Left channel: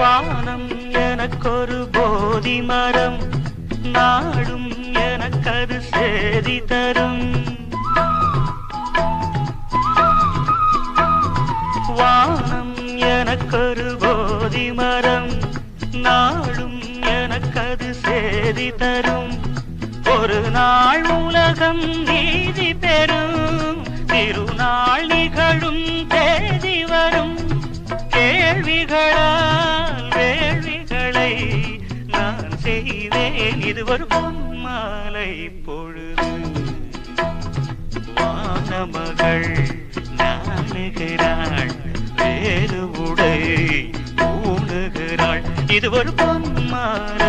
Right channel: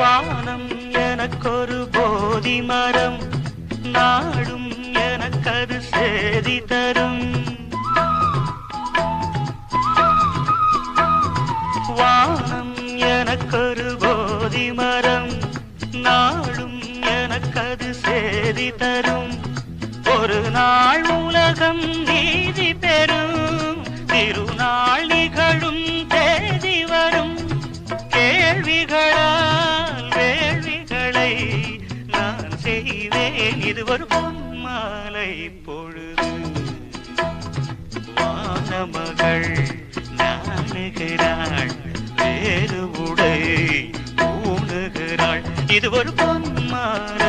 வானம் எனக்கொரு போதி மரம், நாடும் எனக்கது சேதி தரும். வானம் எனக்கொரு போதி மரம், நாடும் எனக்கது சேதி தரும். ஒரு நாள் உலகம் நீதி பெறும், திருநாள் நிகழும் தேதி வரும். கேள்விகளால் வேள்விகளை நான் செய்வேன், இது ஒரு பொன்மாலை பொழுது. வானமகள் நாணுகிறாள், வேறு உடை ஊணுகிறாள், இது ஒரு பொன்மாலை